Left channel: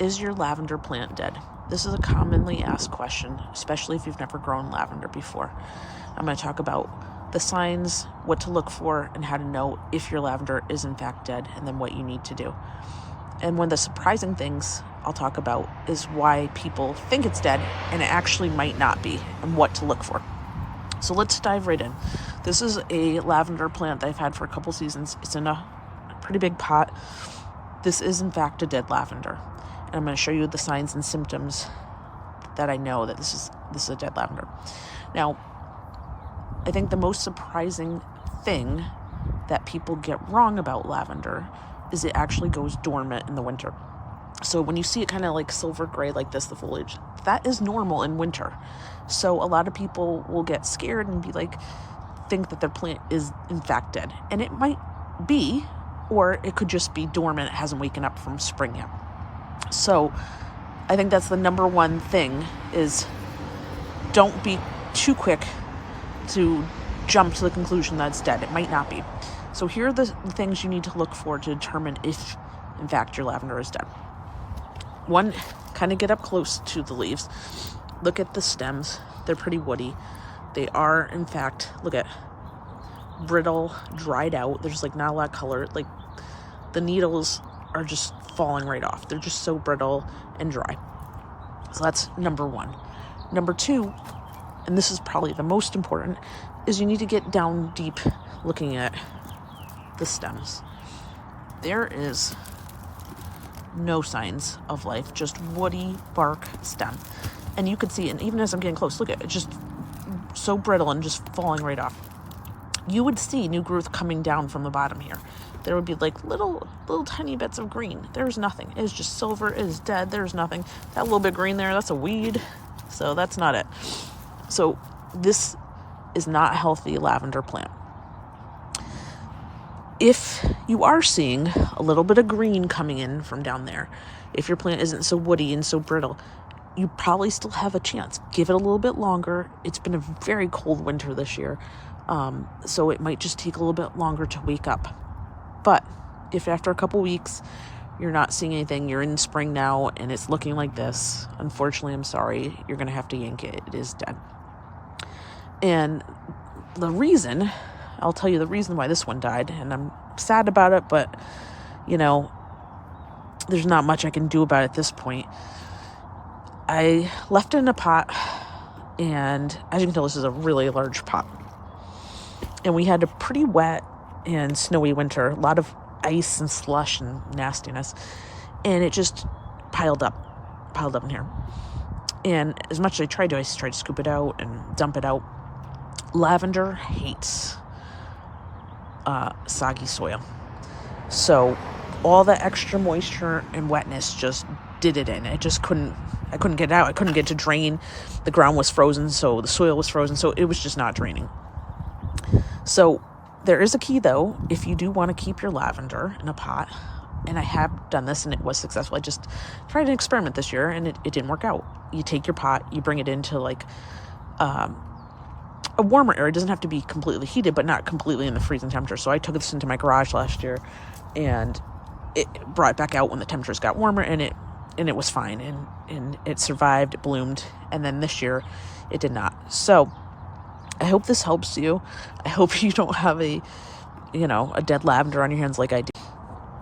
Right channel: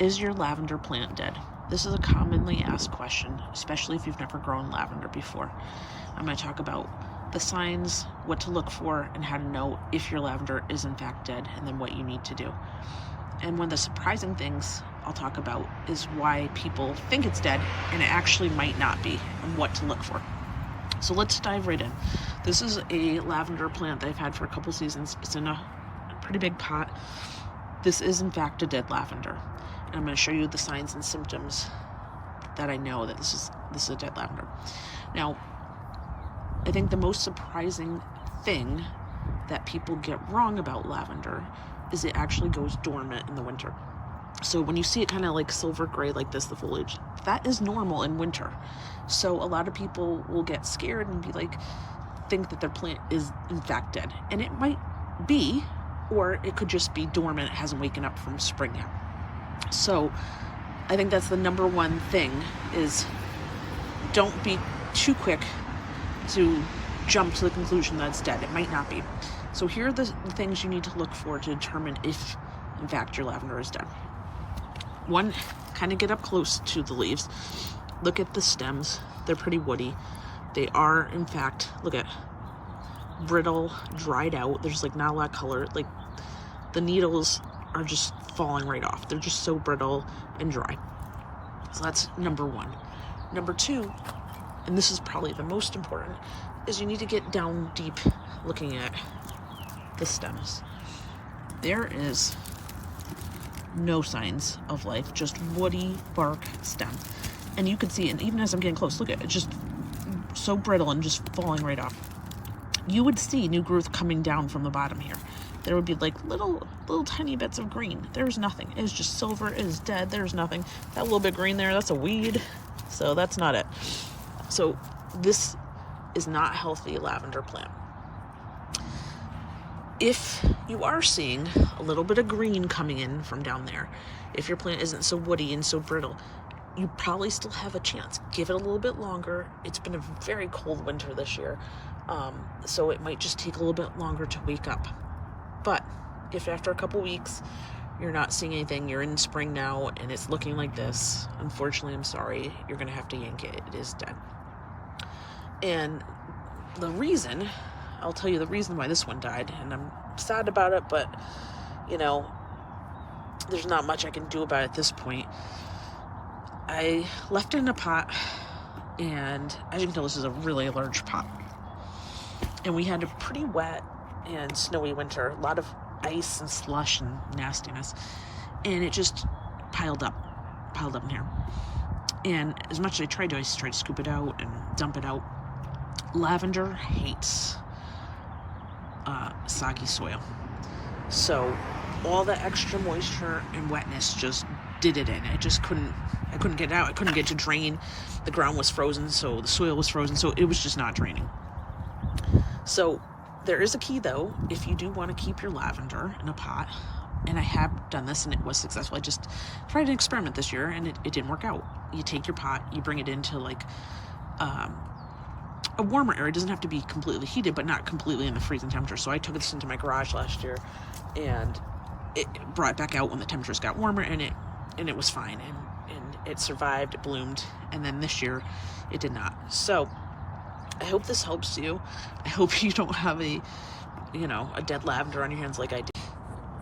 Is your lavender plant dead? This is a commonly asked question, especially if you've never grown lavender before. I'm going to talk about the signs, what to look for, and how to know if your lavender is in fact dead, and then what you need to do. And one of the surprising things I'll talk about is why people think it's dead and it actually might not be, and what to look for. So let's dive right in. This is a lavender plant that I've had for a couple seasons. It's in a pretty big pot. This is in fact a dead lavender. And I'm going to show you the signs and symptoms that I know that this is a dead lavender. Now, I think the most surprising thing that people get wrong about lavender is it actually goes dormant in the winter. So when you see it kind of like silver gray like this, the foliage, that is normal in winter. So a lot of people will get scared and be like, think that their plant is in fact dead. And it might be, or it could just be dormant. It hasn't waken up from spring yet. So I think that's the number one thing, is don't be too quick to jump to the conclusion that it's dead. It might not be. So here are the things you need to look for to determine if in fact your lavender is dead. One, kind of get up close to the leaves. Look at the stems. They're pretty woody. They are in fact, look at, brittle, dried out. There's like not a lot of color. Like the needles are just falling right off. They're just so brittle and dry. So that's number one. Number two, and this is probably the most important, is you need to get down deep looking at the stems. There is no signs of life, just woody bark stem. And you can see, and even as I'm getting close, look at it, just so brittle and just falling right off. You would see new growth coming down from the bottom here. There would be like little tiny bits of green. There's nothing. It's just silver. It is dead. There's nothing. That little bit green there, that's a weed. So that's not it. So this is not a healthy lavender plant. If you are seeing a little bit of green coming in from down there, if your plant isn't so woody and so brittle, you probably still have a chance. Give it a little bit longer. It's been a very cold winter this year. So it might just take a little bit longer to wake up. But if after a couple weeks you're not seeing anything, you're in spring now and it's looking like this, unfortunately, I'm sorry, you're going to have to yank it. It is dead. And the reason, I'll tell you the reason why this one died, and I'm sad about it, but you know, there's not much I can do about it at this point. I left it in a pot, and as you can tell, this is a really large pot. And we had a pretty wet and snowy winter, a lot of ice and slush and nastiness, and it just piled up in here. And as much as I tried to scoop it out and dump it out. Lavender hates soggy soil, so all the extra moisture and wetness just did it in. I couldn't get it out. I couldn't get it to drain. The ground was frozen, so the soil was frozen, so it was just not draining. So there is a key though, if you do want to keep your lavender in a pot, and I have done this and it was successful. I just tried an experiment this year and it didn't work out. You take your pot, you bring it into like a warmer area. It doesn't have to be completely heated, but not completely in the freezing temperature. So I took this into my garage last year and it brought it back out when the temperatures got warmer, and it was fine, and it survived, it bloomed. And then this year it did not. So I hope this helps you. I hope you don't have a dead lavender on your hands like I did.